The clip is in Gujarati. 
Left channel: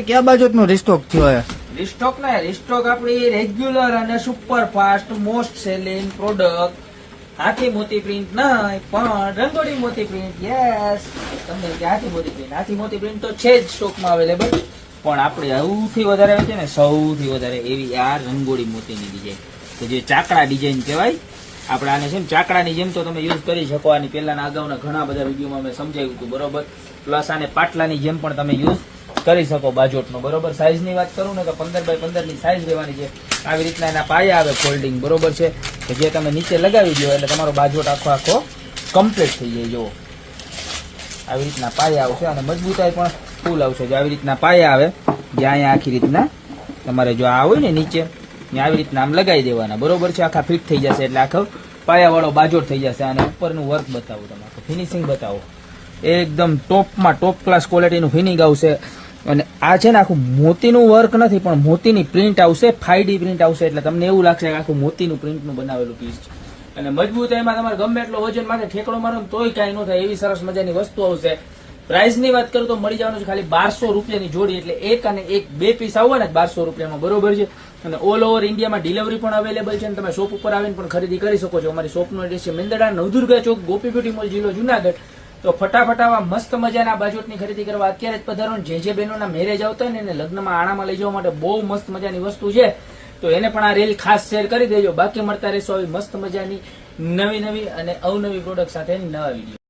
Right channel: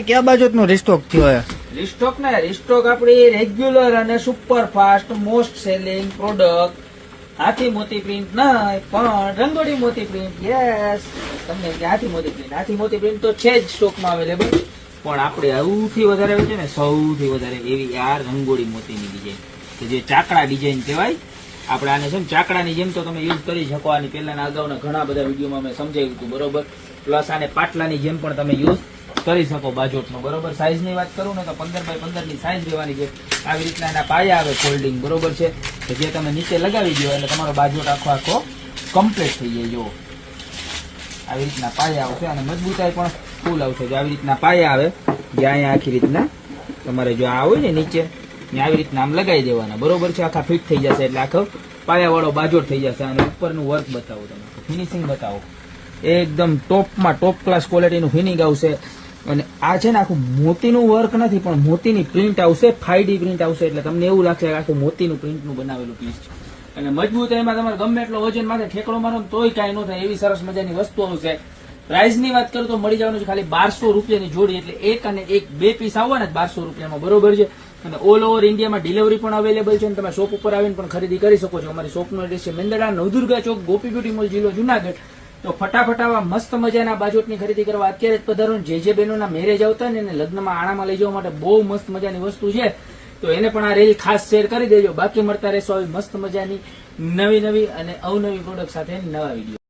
ક્યાં બાજુ નો રિસ્ટોક થયો હે? રિસ્ટોક ને રિસ્ટોક આપણી રેગ્યુલર અને super fast most selling product હાથી મોતી પ્રિન્ટ નહીં પણ રંગોળી મોતી પ્રિન્ટ. યસ, તમને હાથી મોતી પ્રિન્ટ તો છે જ સ્ટોકમાં અવેલેબલ, પણ આપણે સૌથી વધારે હોય છે ને, સૌથી વધારે એવી આ રંગોળી મોતીની ડિઝાઇન કે જે ચાકડા ડિઝાઇન કહેવાય. આપણે આને છે ને ચાકડાની જેમ તો તમે યુઝ કરી શકો. આની પહેલાના અગાઉના ઘણા બધા વિડીયોમાં મેં સમજાવ્યું હતું, બરોબર. પ્લસ આને પાટલાની જેમ પણ તમે યુઝ કરી શકો બાજોટનો, બરોબર. સાઈઝની વાત કરું ને તો 15x15 ની સાઈઝ રહેવાની છે. આવી રીતના એના પાયા આવે ફોલ્ડિંગ, બરોબર છે, કે જે તમે નીચે લગાવી દો એટલે તમારો બાજોટ આખો કમ્પ્લીટ થઈ જાય. જો આવી રીતના પાયા આવશે અને મજબૂતાઈ પણ ફૂલ આવશે. જો આવી રીતના પાયા આવે, જે અહીંયા આખી રીતના તમારે જો આ હોય ને નીચે ને આવી રીતના આમ લગાવી દેવાના, બરોબર છે. આખા ફિટ થઈ જશે એટલે આખો પાયાવાળો બાજોટ થઈ જશે. અને ઉપરનું વર્ક બતાવો, તમે ફિનિશિંગ બતાવો, એકદમ ટોપમાં ટોપ ક્લાસ ક્વોલિટીનું ફિનિંગ આવશે. અને આ છે ને આખું મોતીનું વર્ક નથી પણ મોતીની પ્રિન્ટ આવશે, 5D પ્રિન્ટ આવશે, એટલે તમને એવું લાગશે કે આખું મોતીનું પ્રિન્ટનું બનાવેલું પીસ છે. અને મજબૂત એમાં તમારે ગમે એટલો વજન માથે ઠેકડો મારો તોય કાંઈ ન થાય એવી સરસ મજાની વસ્તુ આવશે. પ્રાઇસની વાત કરું તો મળી જવાનું છે ખાલી 1200 રૂપિયાની જોડી, એટલે એક અને એક 2 પીસ આવવા ને 1200 રૂપિયામાં, બરોબર છે. અને ઓલ ઓવર ઇન્ડિયામાં ડિલિવરી પણ અવેલેબલ છે અને તમે શોપ ઉપર આવીને પણ ખરીદી કરી શકો છો. અમારી શોપનો એડ્રેસ છે મેંદરડા નવદુર્ગા ચોક, ગોપી બ્યુટી મોલ, જિલ્લો જુનાગઢ. તો ફટાફટ આવા મસ્ત મજાના બાજોટની ખરીદી કરવા અત્યારે જ પધારો. જે બહેનોના મેરેજ આવતા ને એને લગ્નમાં આણામાં લઈ જવા માટે બહુ મસ્ત મજાની વસ્તુ છે, તો એને પણ આ રેલ ખાસ શેર કરી દેજો. બાકી મળતા રહેશો આવી મસ્ત મજાની નવી અને અવનવી પ્રોડક્ટ સાથે નવા વિડીયો.